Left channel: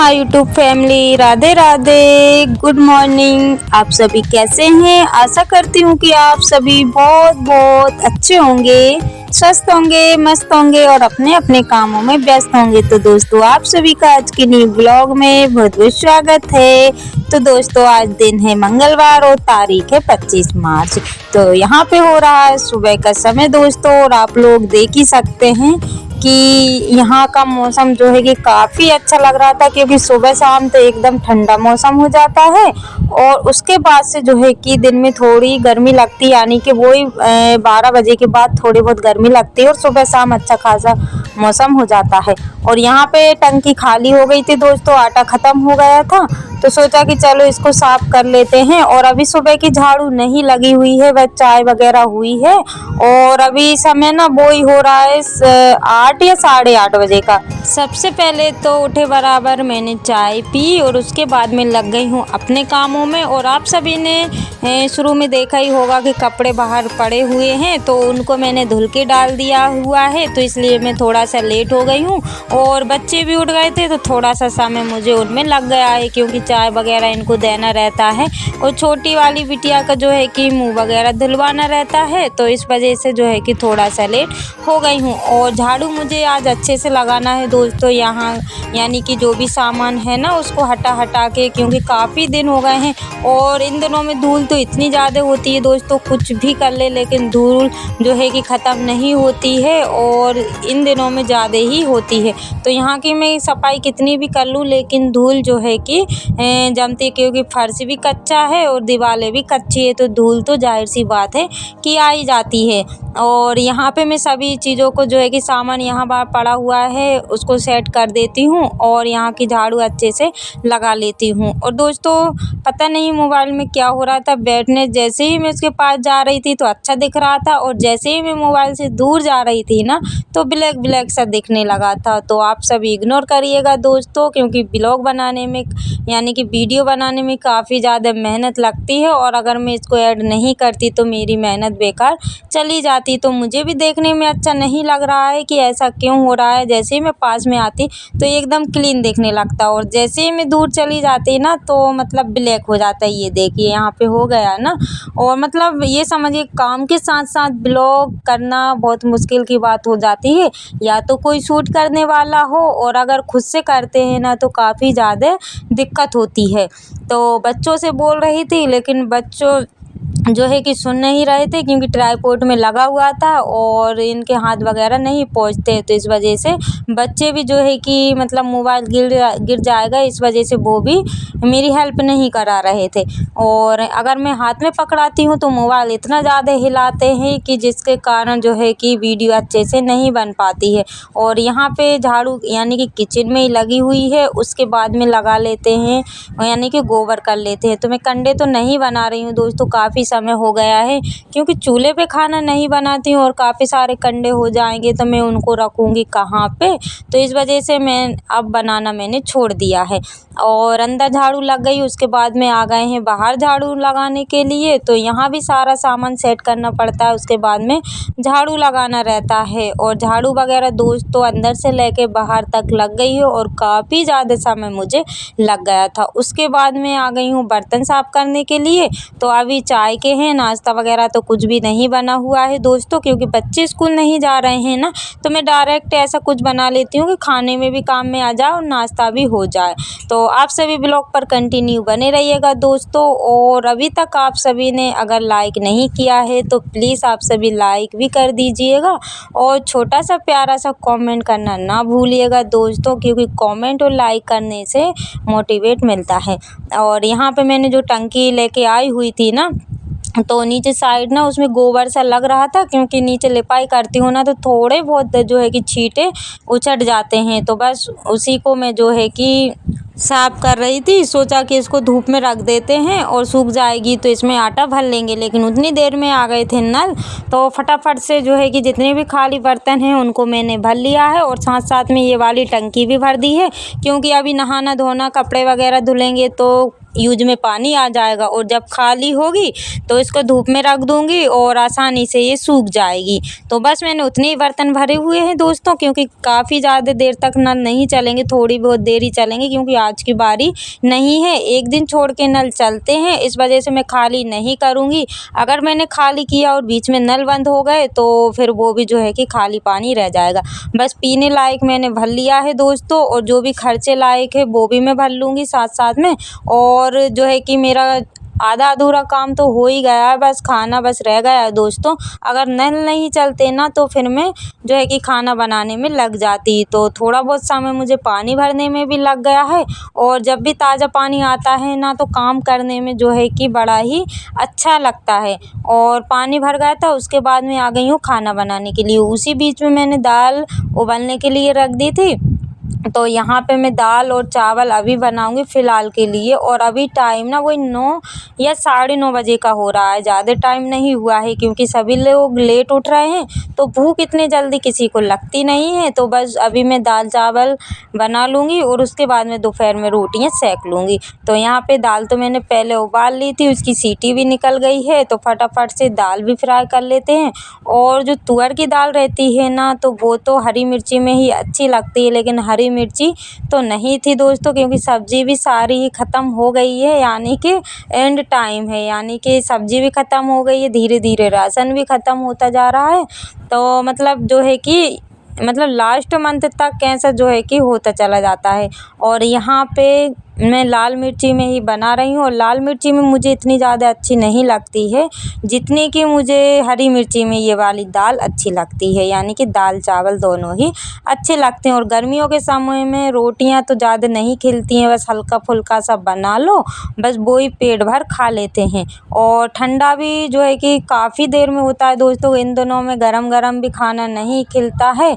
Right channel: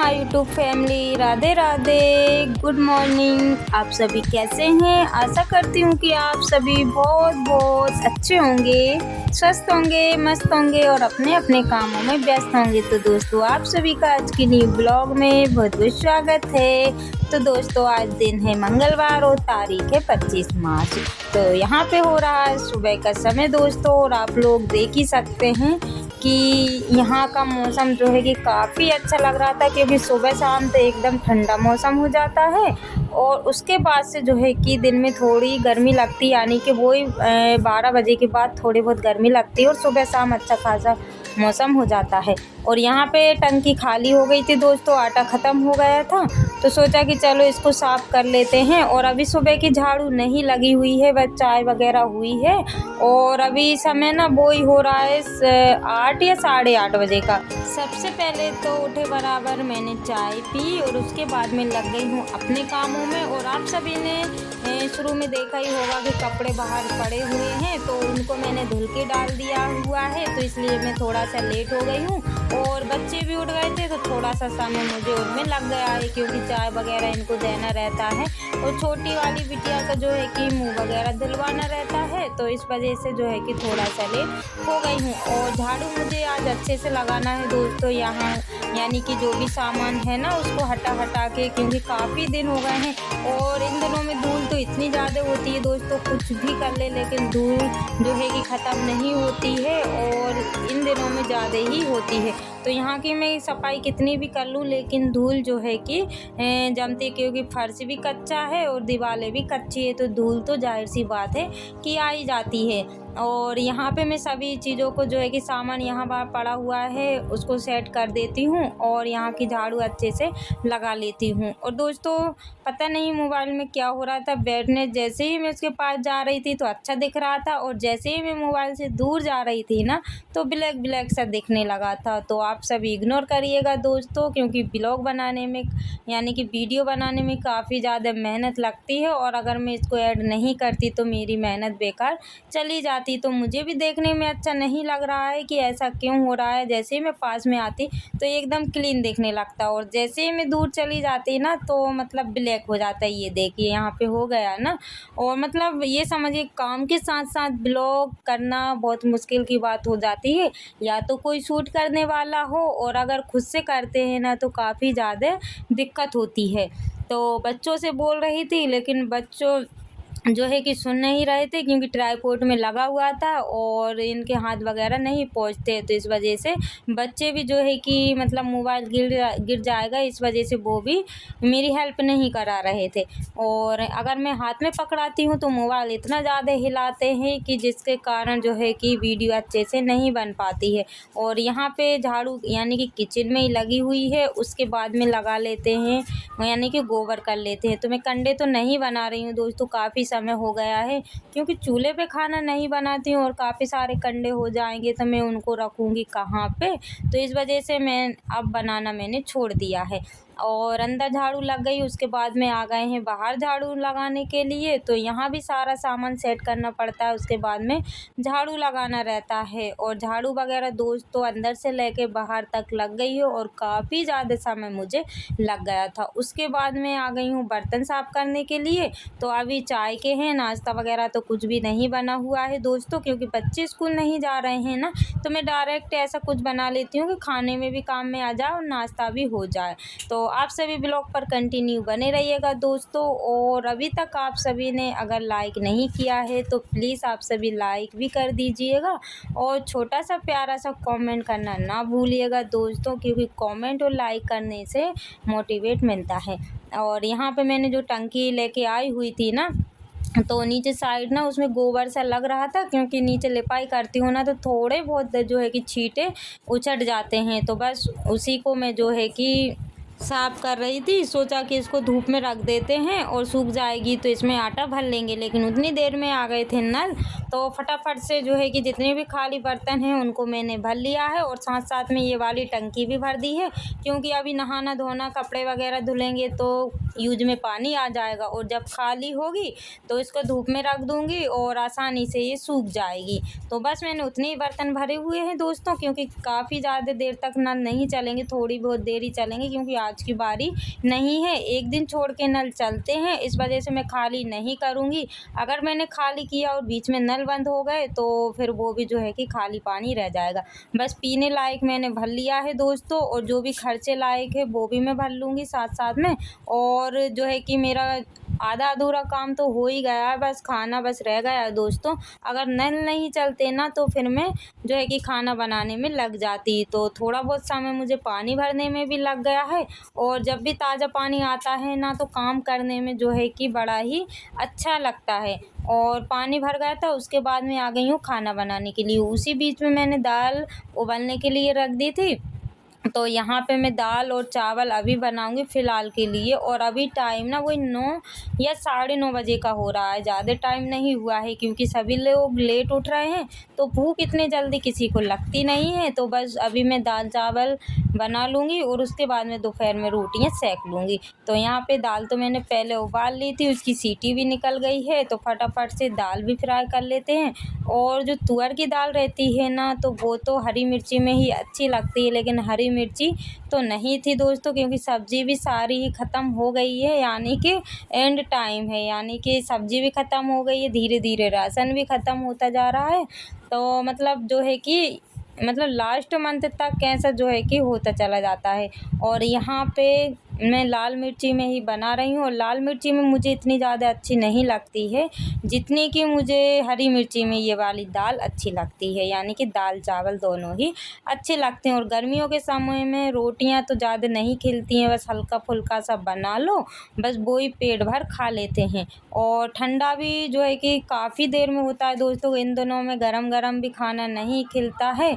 My YouTube family, Radhe Radhe, good morning. आप सभी कैसे हैं? आशा करती हूँ कि आप सभी बहुत बहुत अच्छे होंगे, स्वस्थ होंगे, मस्त होंगे और अपने अपने कामों में व्यस्त होंगे। तो दोस्तों, आप सभी का आज की न्यू ब्लॉग में बहुत बहुत स्वागत है। तो दोस्तों, आज दिन है मंगलवार और तारीख है 25 मार्च। तो यहाँ पे हो रहा है सुबह का समय दोस्तों, और आप लोग देख ही सकते हैं कि यहाँ का मौसम जो है कि काफ़ी अच्छा लग रहा था, क्योंकि सुबह शाम तो एकदम ठंडा मौसम हो जाता है और उसके बाद से जो है कि दिन में थोड़ी गर्मी लगती है, यानी कि वही 12 बजे के बाद थोड़ी बहुत गर्मी लगती है और सुबह शाम अच्छा खासा मौसम हो जाता है। और यहाँ पे टंकी खाली हो गई थी दोस्तों, आटा ख़त्म हो गया था, तो सोचा कि चलो इसको साफ कर लेते हैं। और अभी सुबह की झाड़ू नहीं लगी हुई है, वह चाय वगैरह हुई है और अभी समय ना वो ही हो रहा है 8 या 8:30 बजे का। सबसे पहले तो उठे बराबर मैंने चाय पी और उसके बाद में लग गई हूँ अपने कामों में। और आप सभी ने शुरू में देखा ही होगा कि कपड़े बाहर पड़े हुए हैं, तो उनको मैंने धुल के डाल दिया हुआ है, तो इसलिए मैं थोड़ा सा लेट हो गई हूँ। और बच्चे भी उठ गए थे तो थोड़ा सा समय मुझे उनमें लग गया है, क्योंकि चाय वगैरह इनको देना रहता है और छोटी वाली बिटिया का जो है कि मुंह वगैरह धुलवाना रहता है, तो इस वजह से जो है कि थोड़ा सा लेट हो गई हूँ। और झाड़ू मुझे आज अच्छे से लगाना है दोस्तों, यहाँ यानी कि जो भी सामान है ना उसको हटा के, क्योंकि काफ़ी दिन हो गए हैं और इन दिनों में धूल तो इतनी ज़्यादा होती है दोस्तों, कुछ भी कर ले लेकिन धूल जो है कि ख़त्म नहीं होती है और इन दिनों में ज़्यादा ही होती है। तो यहाँ की मैं सफाई कितनी भी कर लूँ लेकिन धूल जो है कि जमती है, क्योंकि फर्श भी कच्चा है और दीवारें भी कच्ची है, तो धूल तो जाहिर सी बात है कि आ ही जाती है। और यहाँ पे मैं सभी चीज़ों को जो है कि सामान यहाँ बाहर पड़ा हुआ है उसको सेट कर देती हूँ और यहाँ की झाड़ू अच्छे से लगा लेती हूँ। और दोस्तों, पता नहीं मोबाइल में क्या हो रहा था, बैठने जैसे ही मैं उसके पास जा रही थी तो अच्छा दिख रहा था और जैसे ही मैं मोबाइल से दूर जा रही थी ना तो ब्लैक ब्लैक सा दिखने लगा था। तो आप सभी इग्नोर करिएगा दोस्तों, क्योंकि ब्लॉग बनाने में यानी कि वीडियो बनाने में काफ़ी ज़्यादा मेहनत लगती है और अगर मैं इसको ऐड नहीं करती तो मेरी मेहनत बेकार चली जाती। तो मुझे भी देखने में अच्छा नहीं लग रहा है कि ऐसा क्यों हो रहा है। जैसे ही मैं पास में आती तो एकदम क्लीन दिखने लगता और जैसे ही मैं दूर चली जाती ना तो मतलब ब्लैक हो जाता है। ये देखिए यहाँ पे हो गया ना। और मतलब ये समझिए काम के साथ साथ ब्लॉग करना बहुत मुश्किल की बात हो जाती है, या तो कोई शूट करने वाला हो और अगर खुद से करते हैं ना तो काफ़ी ज़्यादा दिक्कत होती है। तो बच्चों से बोल रही थी लेकिन बच्चों जो है कि सुन नहीं रहे थे, क्योंकि ट्राईपोड में लगा हुआ था और इनके हाथ वगैरह नहीं पहुंचते, तो इस वजह से बच्चे भी जो है कि मतलब मोबाइल गिर जाएगा इस वजह से वो भी मेरी हेल्प नहीं करा रहे थे। और अगर मैं हाथ में पकड़ाती हूँ तो मोबाइल इतना ज़्यादा हिलाते हैं कि जिसके कारण जो है कि वीडियो अच्छे से नहीं बन पाती है। और यहाँ पे झाड़ू यानी कि किचन में ही लगी हुई है, उसके बाद में लगा लेते हैं यानी कि गोबर कर लेते हैं। तो मैं कंडे तो नहीं बना रही हूँ दोस्तों, काफ़ी समय हो गया है, क्योंकि चूल्हे पे खाना नहीं बनाती हूँ और काफ़ी सारे कंडे हो जाएंगे तो मैं उनको रखूँगी कहाँ पे, तो इस वजह से मैं अब बनाना मैंने छोड़ दिया है। और अंदर झाड़ू लग गई, उसके बाद में आ गए हैं बाहर झाड़ू लगाने के लिए, तो यहाँ भी सारा सामान सेट करना पड़ता है, उसके बाद में झाड़ू लगाना रहता है। और झाड़ू वगैरह दोस्तों अंदर से लेके बाहर तक लग गई है और काफ़ी ज़्यादा समय मुझे लग गया था। उसके बाद में आ गई हूँ बर्तन साफ़ करने के लिए। तो अभी चाय के हैं, नाश्ता वगैरह तो कुछ भी नहीं बना हुआ है दोस्तों, क्योंकि बच्चे स्कूल नहीं जा रहे हैं ना, तो मैं डायरेक्ट ऐसा कुछ बना लेती हूँ कि खाने में भी काम में आ जाए और नाश्ता भी हो जाए। तो आप सभी ब्लॉग पर कंटिन्यू बने रहिएगा दोस्तों। और अभी तक आप सभी ने अगर लाइक नहीं किया है तो प्लीज़ आप सभी लाइक भी कर दीजिएगा और छोटा सा प्यारा सा कमेंट करना ना भूलिएगा दोस्तों, क्योंकि कमेंट और लाइक करने से मोटिवेट मिलता है। और यहाँ पे मैंने जो टंकी लेके आई हुई थी ना, तो नीचे साइड ना उसमें गोबर सा लग रहा था, क्योंकि नीचे लिपाई करती हूँ ना तो थोड़े बहुत जो है कि छींटे उछट जाते हैं, तो बस उसी को मैं जो है कि साफ कर रही थी। सोचा कि इसको धूप में रख देते हैं और सूख जाएगी तो इसमें आटा भर लेंगे, लेकिन उतनी देर में आ गए थे नल, तो फटाफट से जो है कि जितने भी खाली बर्तन हैं उनको मैंने भर लिया है और साथ साथ में ये वाली टंकी भी भर दी है, क्योंकि अभी नहाना धोना कपड़े वगैरह धुलेंगे तो यूज में पानी आ जाएगा और जब खाली होगी तो इसको धूप में रख दूँगी और आसानी से ये सूख जाएगी। तो बस मैंने उतने ही बर्तन भरे हुए हैं दोस्तों, क्योंकि काफ़ी ज़्यादा देर तक नल नहीं चलेंगे, थोड़ी बहुत देर ही चलेंगे क्योंकि आज की बारी नहीं है, एक दिन छोड़ के नल चलते हैं, इस वजह से मैं खाली नहीं करूँगी। अगर मैंने खाली किया और बीच में नल बंद हो गए तो फिर वो भी जो है कि खाली पानी रह जाएगा। बस पीने लायक मैंने भर लिया है दोस्तों, और जो भी खर्चे लायक है वो भी मैं भर लूँगी साथ साथ में। और जो है कि मेरा आधा अधूरा काम तो हो ही गया है, बस खाना बस रह गया है दोस्तों। अगर नल नहीं चलते ना तो फिर मैं जो है कि खाना बनाने में लग जाती, तो थोड़ा बहुत समय मुझे पानी भरने में भी लग गया है। और जब भी ताज़ा पानी आता है ना तो काम करने में जो है कि बड़ा ही अच्छा लगता है। और पानी भर गया था, उसके बाद मैं आ गई हूँ खाना बनाने के लिए। उसी बीच में मैंने दाल उबलने के लिए रख दी थी। तो यहाँ पे मैं दाल और चावल अभी बनाऊँगी फ़िलहाल के लिए, और अभी टाइम ना वही 9 या 9:30 बजे का हो रहा है, ज़्यादा टाइम नहीं हुआ है क्योंकि सभी लोग लेट उठ रहे हैं, तो भूख इतनी जल्दी किसी को लगती नहीं है। तो बस अभी मैं दाल चावल बना लूँगी और उसके बाद में दोपहर में रोटियाँ सेक लूँगी। तो यहाँ पे दाल तो मैंने पहले उबाल ली थी, उसकी सीटी भी निकल गई है, तो फटाफट से दाल भी फ्राई कर लेते हैं। और जो तुअर की दाल रहती है ना तो वो तो हरी मिर्ची में ही अच्छी लगती है, लेकिन हरी मिर्ची तो नहीं थी दोस्तों, क्योंकि सब्ज़ी भी सारी ही ख़त्म हो गई है, यानी कि एंड टाइम है, यानी कि सब्ज़ी भी ख़त्म हो गई है, धीरे धीरे राशन भी ख़त्म होता जा रहा है। तो मतलब जो है कि मतलब लास्ट मंथ तक कैसा जो है कि होता चला जाता है। और यहाँ पे मैं लाल मिर्ची में ही बना रही हूँ, और लाल मिर्ची में मुझे इतनी ज़्यादा अच्छी नहीं लगती है जितनी कि मुझे हरी मिर्ची में ये वाली दाल अच्छी लगती है, यानी कि दाल चावल दोनों ही अच्छे लगते हैं। और गर्मियों के समय में रोटियां तो ज़्यादा नहीं खिलती हैं, बस हल्का फुल्का सा बना लो, बस वो ही पेट भर खा लेते हैं। और ठंडा भी जो है कि काफ़ी देर में होता है दोस्तों, इन दिनों में गरम गरम भी खाना नहीं खिलता है।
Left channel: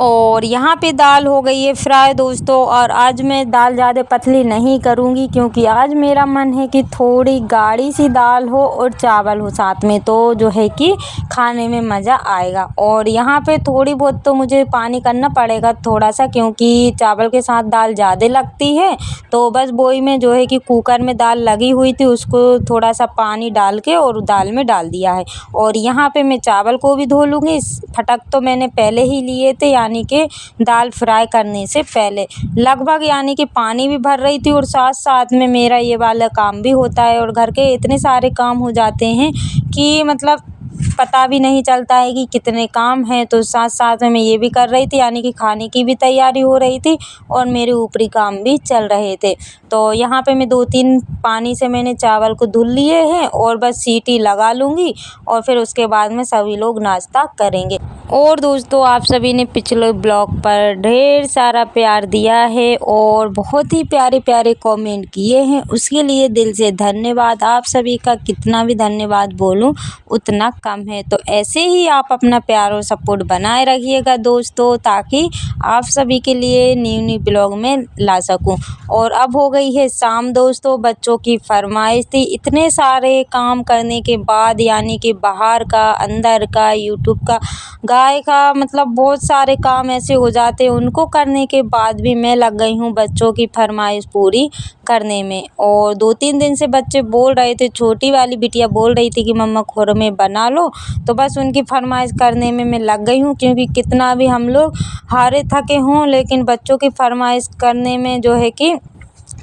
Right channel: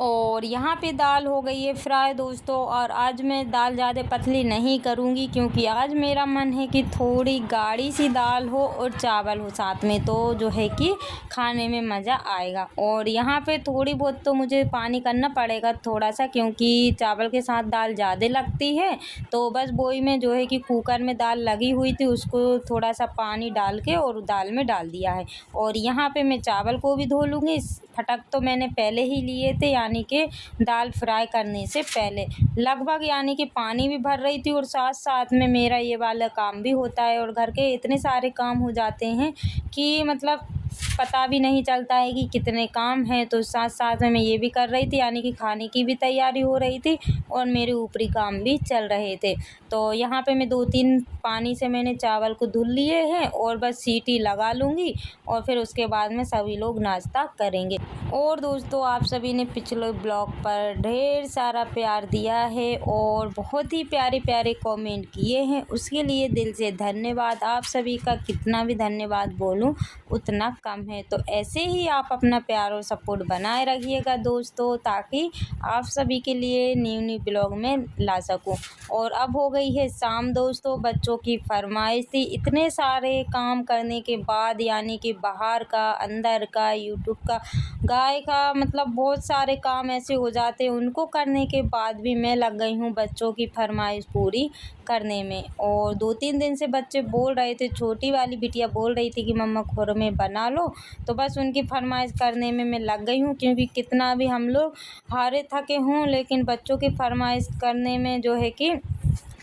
और यहाँ पे दाल हो गई है फ्राई दोस्तों, और आज मैं दाल ज़्यादा पतली नहीं करूँगी क्योंकि आज मेरा मन है कि थोड़ी गाढ़ी सी दाल हो और चावल हो साथ में, तो जो है कि खाने में मज़ा आएगा। और यहाँ पे थोड़ी बहुत तो मुझे पानी करना पड़ेगा थोड़ा सा, क्योंकि चावल के साथ दाल ज़्यादा लगती है। तो बस वही में जो है कि कुकर में दाल लगी हुई थी, उसको थोड़ा सा पानी डाल के और दाल में डाल दिया है। और यहाँ पे मैं चावल को भी धो लूँगी, फटक तो मैंने पहले ही लिए थे, यानी कि दाल फ्राई करने से पहले लगभग, यानी कि पानी भी भर रही थी और साथ साथ में मेरा ये वाला काम भी होता है। और घर के इतने सारे काम हो जाते हैं कि मतलब पता भी नहीं चलता है कि कितने काम हैं। तो साथ साथ में मैं ये भी कर रही थी, यानी कि खाने की भी तैयारी हो रही थी और मेरे ऊपरी काम भी चल रहे थे। तो यहाँ पे मैं 2-3 पानी से मैंने चावल को धुल लिए हैं और बस सीटी लगा लूँगी, और फिर उसके बाद में सभी लोग नाश्ता करेंगे। और दोस्तों, आप सभी ने पिछले ब्लॉग पर ढेर सारा प्यार दिया है और बहुत ही प्यारे प्यारे कमेंट किए हैं, उसके लिए दिल से धन्यवाद। आप सभी का कितना भी धन्यवाद बोलूं उतना कम है। तो ऐसे ही आप अपना प्यार और सपोर्ट बनाए रखिएगा दोस्तों, ताकि आप सभी के लिए न्यू ब्लॉग में ला सकूं। और अब हो गई है शाम दोस्तों, बच्चों की फरमाइश थी, इतने सारे काम करने के बाद, यानी कि बाहर का, अंदर का, यूट्यूब का, गाय का, मतलब बहुत सारे काम ऐसे हो जाते हैं, उनको करने के बाद भी मैं लग गई हूँ बच्चों की फरमाइश पूरी करने में। और 2-3 दिन से बच्चे बोल रहे थे, छोटी वाली बिटिया बोल रही थी कि मम्मा खुरमे बना लो, तो बस उनकी फरमाइश करने में मैं लग गई हूँ, क्योंकि कितना भी हम लोग हारे थके हों लेकिन बच्चों की फरमाइश करने में जो है कि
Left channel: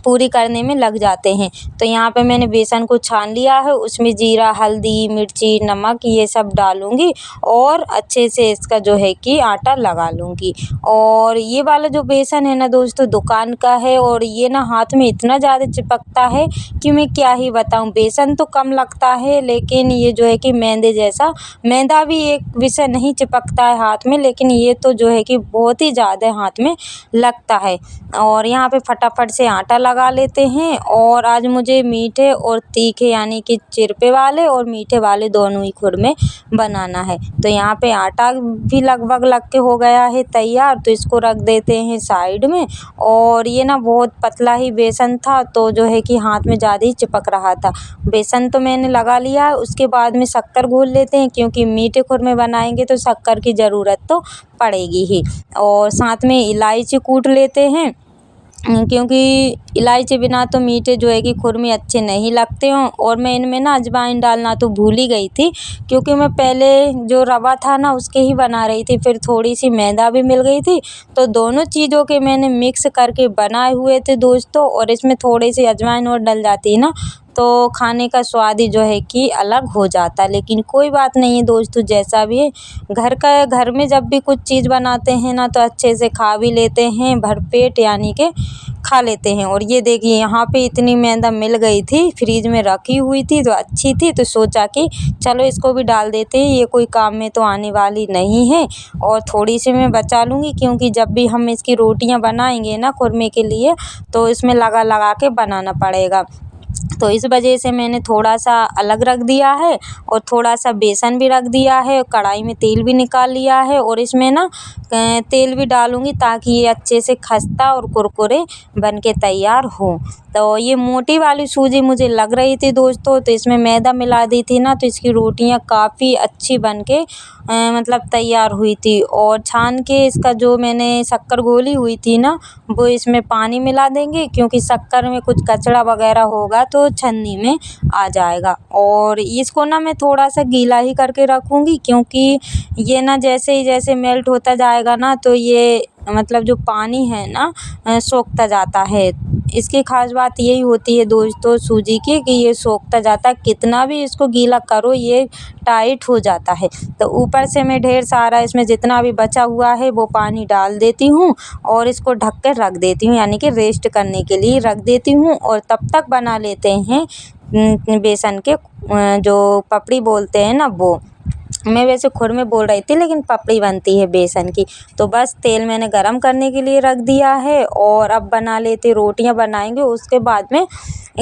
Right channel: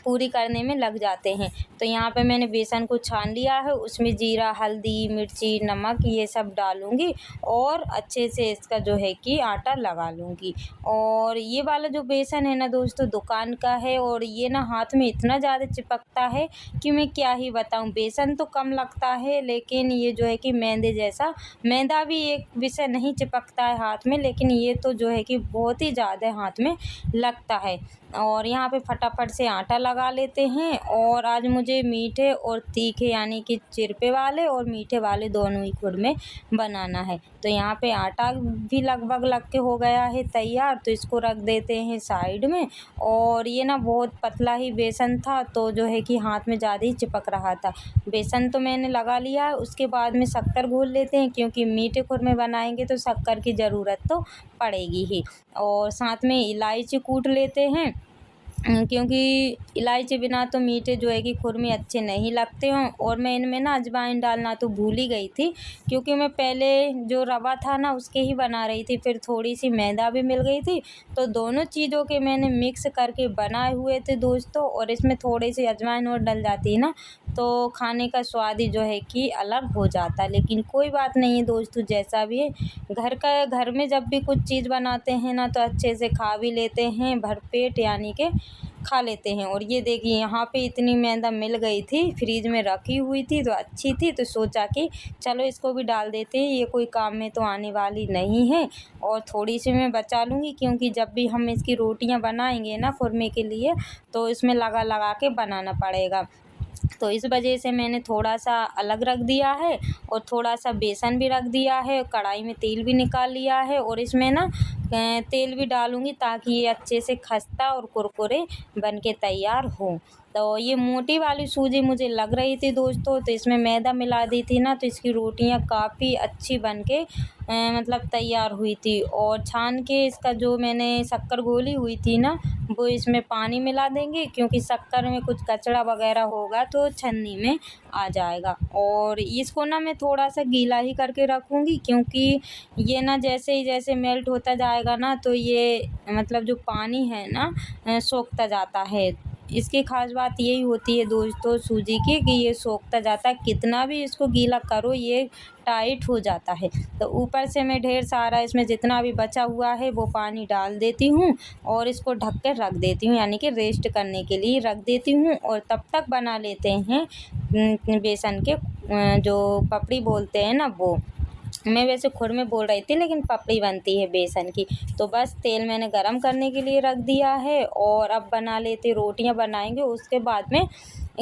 पूरी करने में लग जाते हैं। तो यहाँ पे मैंने बेसन को छान लिया है, उसमें जीरा, हल्दी, मिर्ची, नमक ये सब डालूँगी और अच्छे से इसका जो है कि आटा लगा लूँगी। और ये वाला जो बेसन है ना दोस्तों, दुकान का है, और ये ना हाथ में इतना ज़्यादा चिपकता है कि मैं क्या ही बताऊँ। बेसन तो कम लगता है, लेकिन ये जो है कि मैदे जैसा, मैदा भी एक विषय नहीं चिपकता है हाथ में, लेकिन ये तो जो है कि बहुत ही ज़्यादा हाथ में लगता है। और यहाँ पे फटाफट से आटा लगा लेते हैं। और आज मुझे मीठे और तीखे यानी कि चिरपे वाले और मीठे वाले दोनों ही खुरमे बनाना है। तो यहाँ पे आटा भी लगभग लग के हो गया है तैयार, तो इसको रख देते हैं साइड में। और ये ना बहुत पतला ही बेसन था, तो जो है कि हाथ में ज़्यादा ही चिपक रहा था। बेसन तो मैंने लगा लिया है, उसके बाद में शक्कर घोल लेते हैं, क्योंकि मीठे खुरमे बनाएंगे तो शक्कर की ज़रूरत तो पड़ेगी ही। और साथ में इलायची कूट लेते हैं, क्योंकि इलायची बिना तो मीठे जो है कि खुरमे अच्छे नहीं लगते हों। और मैं इनमें ना अजवाइन डालना तो भूल ही गई थी, क्योंकि मैं पहले जो रवा था ना उसके ही बना रही थी, फिर थोड़ी सी मैदा भी मिल गई थी, तो दोनों चीज़ों के मैंने मिक्स करके बनाए हुए थे दोस्तों। और इसमें थोड़ी सी अजवाइन और डल जाती है ना, तो खाने का स्वाद ही जो है कि अलग हो जाता है। लेकिन कोई बात नहीं है दोस्तों, जैसा भी है घर में जब भी कुछ चीज़ बनाते हैं ना, तो अच्छे से खा भी लेते हैं भरपेट, यानी कि खा लेते हैं। और ये देखिए यहाँ पे इतनी मैदा मिल गई थी, फ्रीज में रखी हुई थी तो अच्छी थी, तो सोचा कि चलो इसको भी डाल देते हैं, ये कोई काम में तो आने वाली नहीं है। और थोड़ी सी मैं बचा लूँगी, क्योंकि जब भी हम इसकी रोटियां बनाएंगे ना खुरमे के लिए, तो इसमें लगा लगा के बनाना पड़ेगा। तो इस वजह से मैंने थोड़ा सा अलग रख दिया है, और थोड़ा सा बेसन भी रख दिया है, कढ़ाई में तेल भी निकाल लिया है। और इसमें ना तेल भी डालूँगी, ताकि ये अच्छे से खस्ता और कुरकुरे बन के तैयार हो। तो ये मोटी वाली सूजी मुझे लग रही थी दोस्तों, तो इसमें मैदा मिला दी थी ना, तो इसकी रोटियां काफ़ी अच्छी बन के मतलब तैयार हुई थी। और छान के इसका जो मैंने शक्कर घोली हुई थी ना, वो इसमें पानी मिला देंगे, क्योंकि शक्कर में कुछ कचड़ा वगैरह होगा तो छन्नी में आ जाएगा। और इसको ना मैं थोड़ा सा गीला ही करके रखूँगी, क्योंकि ये ना जैसे मेल्ट होता जाएगा ना, तो ये मतलब जो पानी है ना सोखता जाता है। इसकी ख़ास बात यही होती है दोस्तों सूजी की, कि ये सोखता जाता है, कितना भी इसको गीला करो ये टाइट हो जाता है। तो ऊपर से मैं ढेर सारा इसमें जितना भी बचा हुआ है वो पानी डाल देती हूँ, और इसको ढक कर रख देती हूँ, यानी कि रेस्ट करने के लिए रख देती हूँ। और तब तक बना लेते हैं बेसन के जो पपड़ी बोलते हैं ना वो। मैं वैसे खुरमे बोल रही थी, लेकिन पपड़ी बनती है बेसन की। तो बस तेल मैंने गरम करने के लिए रख दिया है, और अब बना लेते रोटियां बनाएंगे। उसके बाद में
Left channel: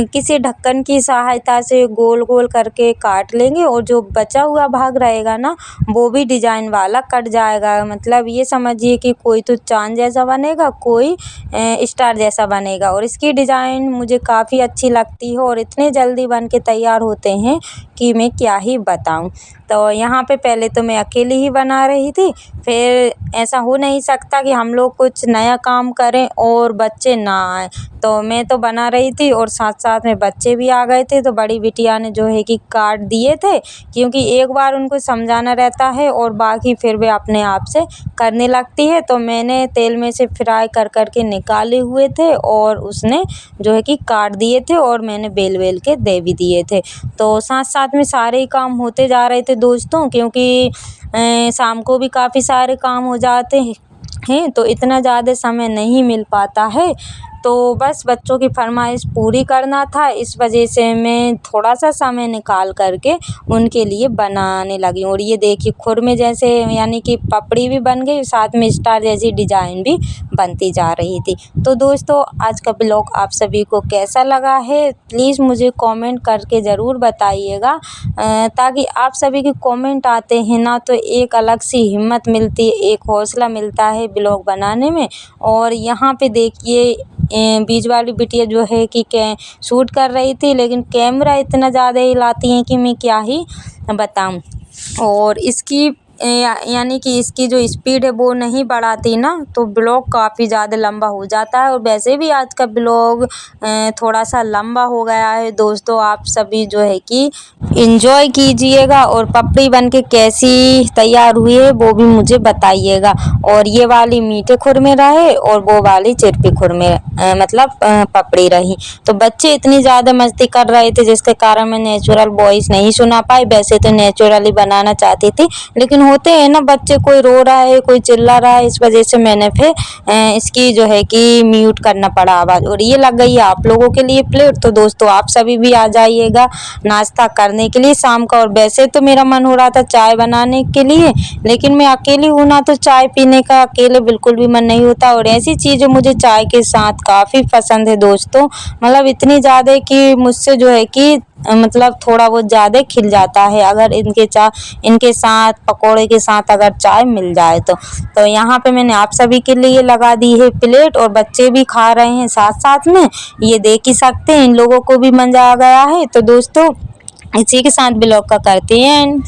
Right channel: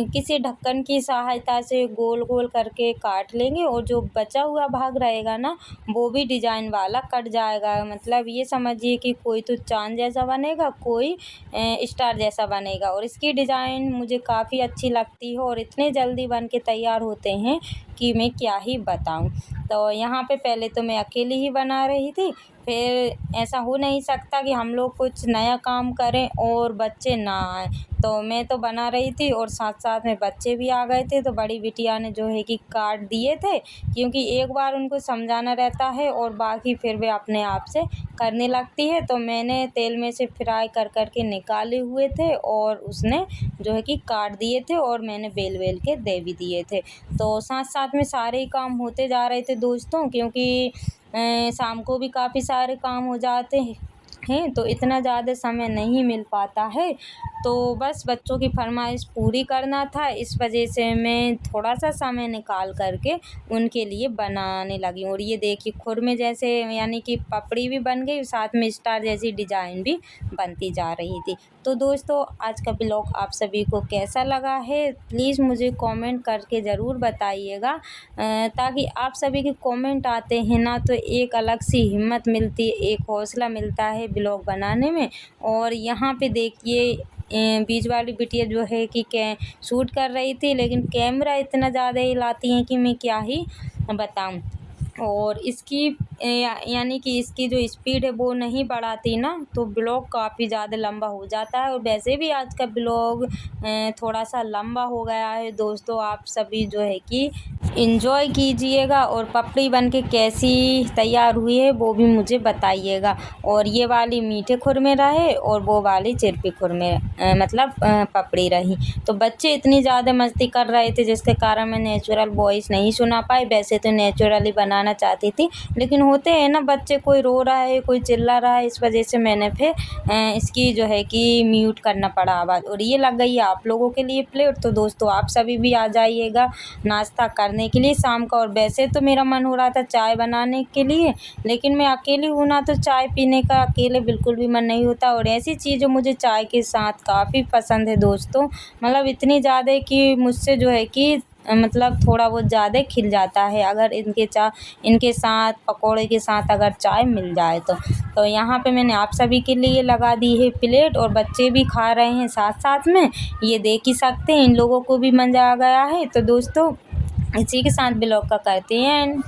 किसी ढक्कन की सहायता से गोल गोल करके काट लेंगे, और जो बचा हुआ भाग रहेगा ना वो भी डिजाइन वाला कट जाएगा। मतलब ये समझिए कि कोई तो चाँद जैसा बनेगा, कोई स्टार जैसा बनेगा। और इसकी डिज़ाइन मुझे काफ़ी अच्छी लगती है, और इतने जल्दी बन के तैयार होते हैं कि मैं क्या ही बताऊं। तो यहाँ पे पहले तो मैं अकेली ही बना रही थी, फिर ऐसा हो नहीं सकता कि हम लोग कुछ नया काम करें और बच्चे ना आए। तो मैं तो बना रही थी, और साथ साथ में बच्चे भी आ गए थे, तो बड़ी बिटिया ने जो है कि काट दिए थे, क्योंकि एक बार उनको समझाना रहता है और बाकी फिर वे अपने आप से करने लगती है। तो मैंने तेल में से फ्राई कर कर के निकाले हुए थे, और उसने जो है कि काट दिए थे, और मैंने बेल बेल के दे भी दिए थे। तो साथ साथ में सारे ही काम होते जा रहे थे दोस्तों, क्योंकि शाम को भी काफ़ी सारे काम हो जाते हैं, तो इतना ज़्यादा समय नहीं मिल पाता है। तो बस बच्चों की फरमाइश पूरी करना था, इस वजह से मैं थोड़ा सा समय निकाल करके उनके लिए बनाने लगी। और ये देखिए खुरमे जैसे यानी कि पपड़ी भी बन गई, साथ में स्टार जैसी डिज़ाइन भी बनती जा रही थी। तो दोस्तों आज का ब्लॉग आप सभी को कैसा लगा है, प्लीज़ मुझे कमेंट करके ज़रूर बताइएगा, ताकि आप सभी के कमेंट आते हैं ना, तो एक अलग सी हिम्मत मिलती है, एक हौसला मिलता है ब्लॉग बनाने में। और यहाँ पे देखिए बीच वाली बिटिया जो है कि शूट कर रही थी, लेकिन कैमरा इतना ज़्यादा हिलाती हैं कि मैं क्या ही बताऊं। और इसकी यानी कि इसकी जो स्पीड है वो नहीं बढ़ाती ना, तो ब्लॉग काफ़ी ज़्यादा लंबा हो जाता है। और वैसे भी आज का ब्लॉग थोड़ा सा लंबा हो गया है दोस्तों, आप सभी जो है कि एंजॉय कीजिएगा, और पपड़ी बन के कैसी तैयार हुई है वो भी मुझे बताइएगा। और ये वाली मीठे खुरमे रहे, और वो वाली चिरपी खुरमे मतलब पपड़ी रही। तो बच्चे इतनी ज़्यादा मस्ती कर रहे थे, जिसके कारण मैं नेचुरल वॉइस नहीं सुना पाई। वैसे तो नेचुरली बनाना चाहती थी, लेकिन होते हैं ना बच्चे, कोई रो रहा है कोई चिल्ला रहा है, इस वजह से मैंने फिर इसकी जो है कि म्यूट करना पड़ा आवाज़। और ये लग गई है आप लोगों के लिए प्लेट, तो दोस्तों आप सभी भी आ जाइएगा नाश्ता करने के लिए शाम का। और वैसे तो मेरा मन हो रहा था चाय बनाने के लिए, लेकिन मैं अकेली हूँ ना, तो चाय पीने का अकेले बिल्कुल भी मन नहीं होता। और ऐसी चीज़ें मुझे चाय के साथ काफ़ी पसंद है दोस्तों, मतलब इतनी ज़्यादा कि मुझसे जो है कि मतलब थोड़ा बहुत ज़्यादा खिल जाता है अगर इनके साथ पकोड़े के साथ अगर चाय मिल जाए तो यहाँ पे मैंने आप सभी के लिए लगा दी है प्लेट, और बच्चे भी खा रहे हैं साथ साथ में, ये देख ही सकते हैं इन लोगों को भी मज़ा आ गया है। तो दोस्तों इसी के साथ ब्लॉग का करते हैं एंड।